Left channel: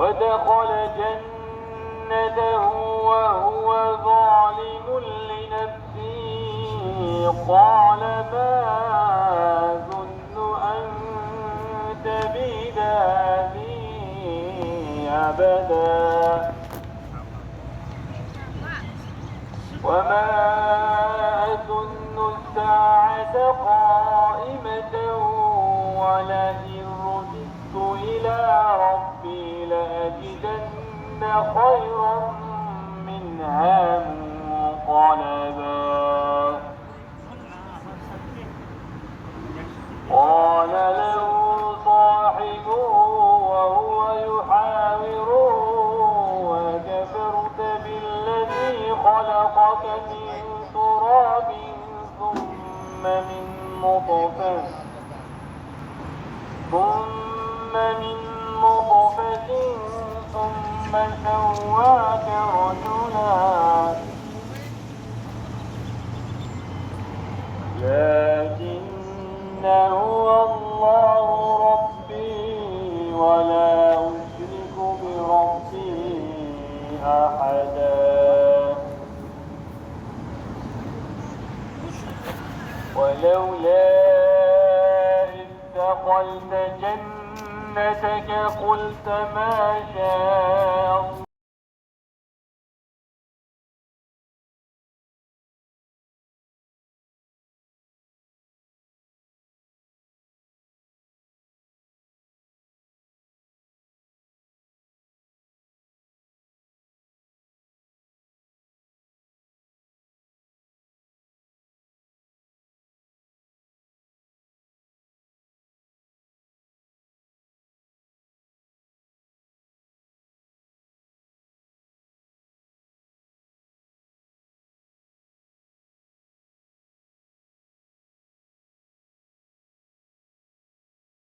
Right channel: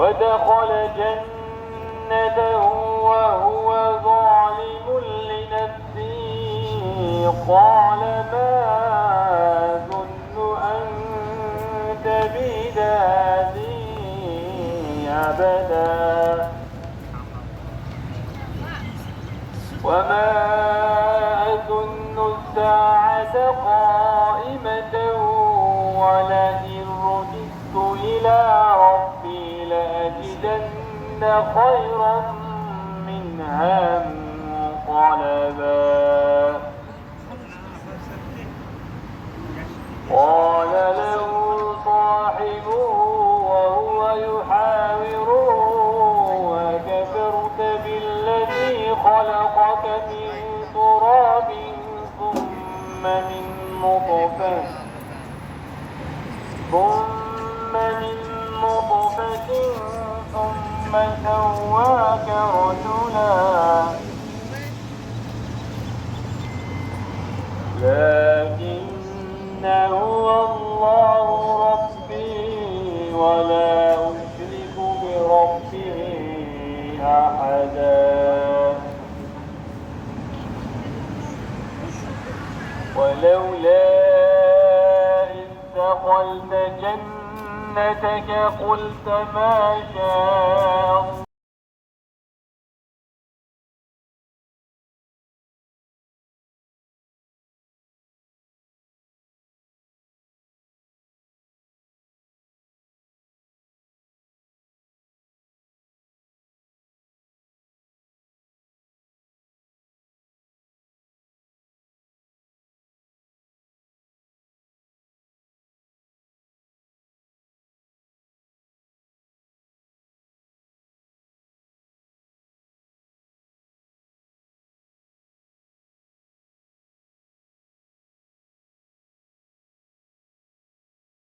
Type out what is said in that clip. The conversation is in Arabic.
ودخل جنته وهو ظالم لنفسه قال ما أظن أن تبيد هذه أبدا وما أظن الساعة قائمة ولئن رددت إلى ربي لأجدن خيرا منها منقلبا قال له صاحبه وهو يحاوره أكفرت بالذي خلقك من تراب ثم من نطفة ثم سواك رجلا لكن هو الله ربي ولا أشرك بربي أحدا ولولا إذ دخلت جنتك قلت ما شاء الله